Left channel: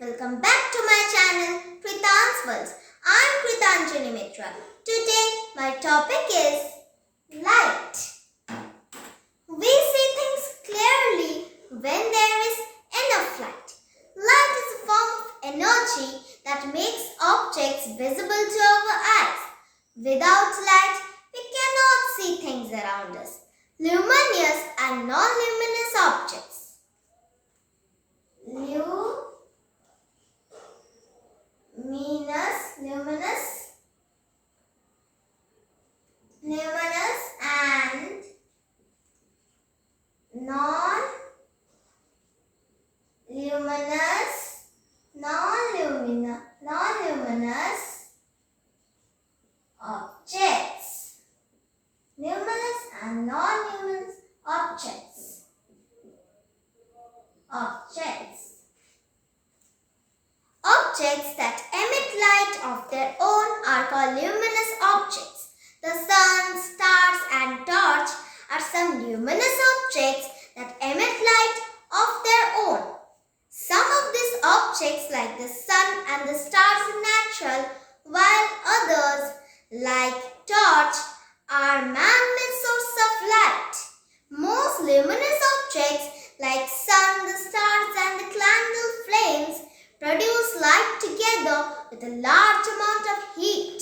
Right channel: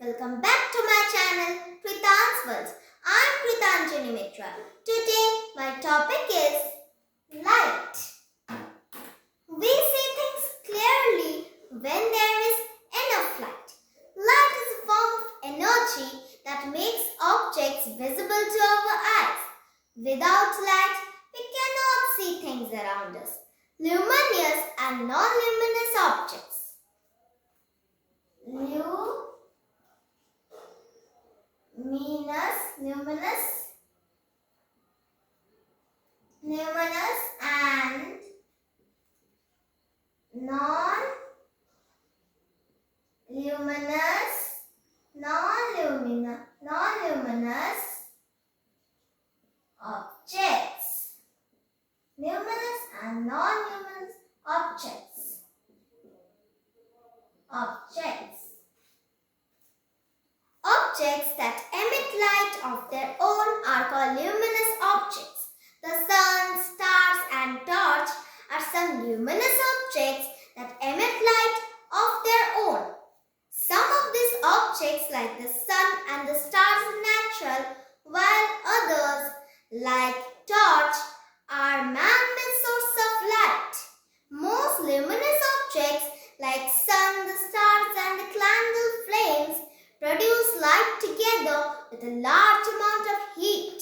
welcome back to my channel Kritanjali. I'm Kritanjali. Today my topic is light. We see things clearly when there is enough light. Light is a form of energy that makes objects visible to our eyes. Without light, we cannot see things around us. Luminous and non-luminous objects. Luminous and non-luminous objects. Luminous and non-luminous objects. Objects that emit light of their own are called luminous objects. The sun, stars and torch are some luminous objects that emit light of their own. Some of these objects like the sun and the stars are natural, while others like torch are man-made sources of light. Most luminous objects like sun, the stars and the candle flames produce light together with a large amount of heat.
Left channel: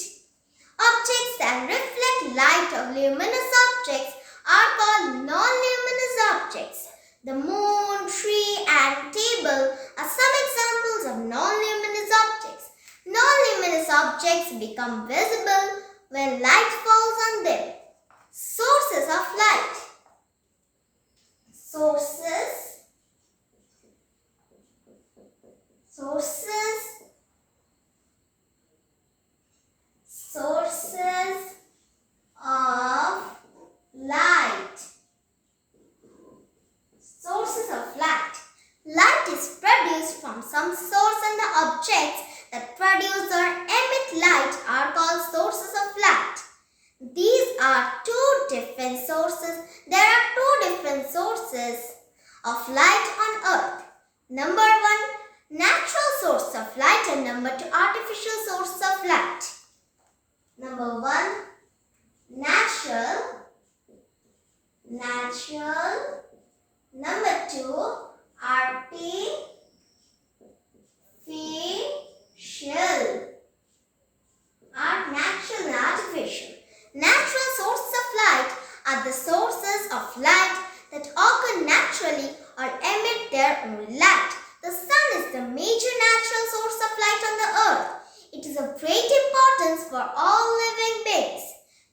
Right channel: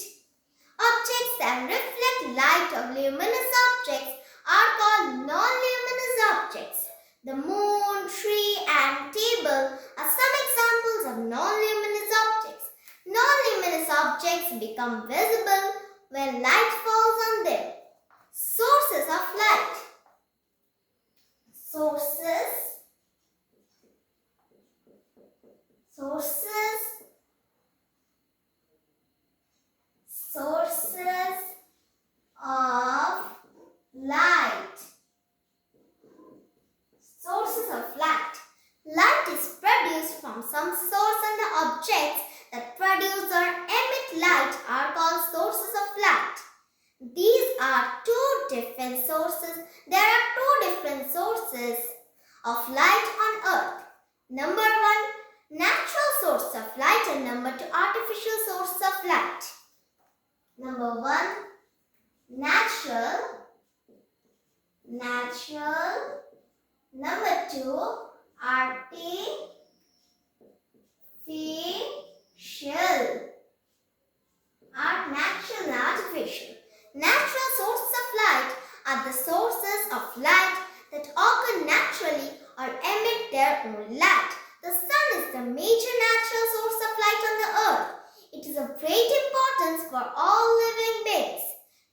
Objects that reflect light of luminous objects are called non-luminous objects. The moon, tree and table are some examples of non-luminous objects. Non-luminous objects become visible when light falls on them. Sources of light. Sources of light. Sources of light. Light is produced from some source, and the objects that produce or emit light are called sources of light. These are two different sources. There are two different sources of light on earth. Number one, natural source of light, and number two, artificial source of light. Number one, natural. Number two, artificial. Natural and artificial. Natural sources of light are the sources of light that occur naturally or emit their own light. The sun is the major natural source of light on the earth. It is of great importance for all living beings.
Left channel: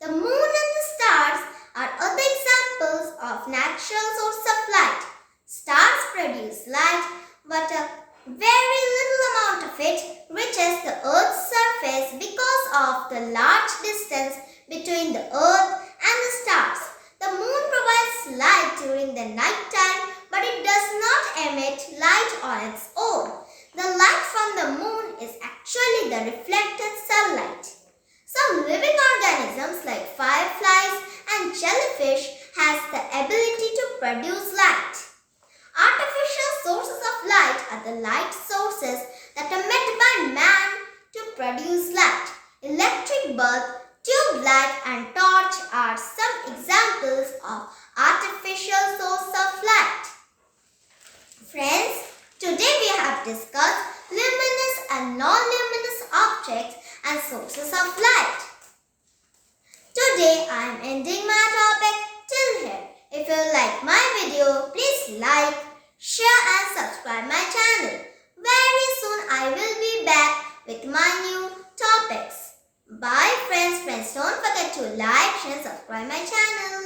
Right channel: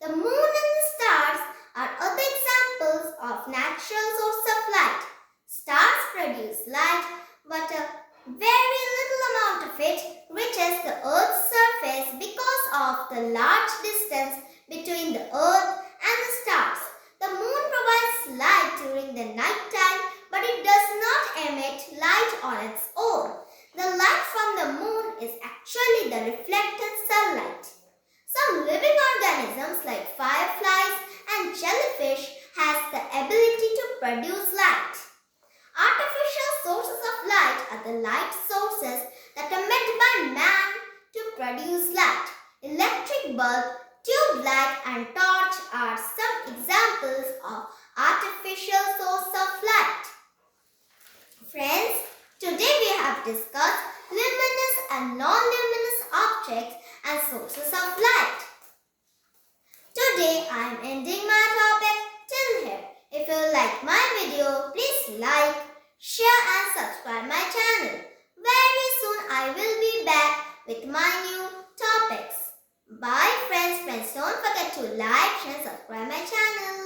The moon and the stars are other examples of natural sources of light. Stars produce light, but a very little amount of it reaches the earth's surface because of the large distance between the earth and the stars. The moon provides light during the night time, but it does not emit light on its own. The light from the moon is actually the reflected sunlight. Some living organisms like fireflies and jellyfish has the ability to produce light. Artificial sources of light are the light sources that are made by man to produce light. Electric bulb, tube light and torch are some examples of artificial sources of light. Friends, today we have discussed luminous and non-luminous objects and sources of light. Today I am ending my topic till here. If you like my video, please like, share and subscribe my channel. Very soon I will be back with my new topics. Bye friends. Don't forget to like, share and subscribe my channel.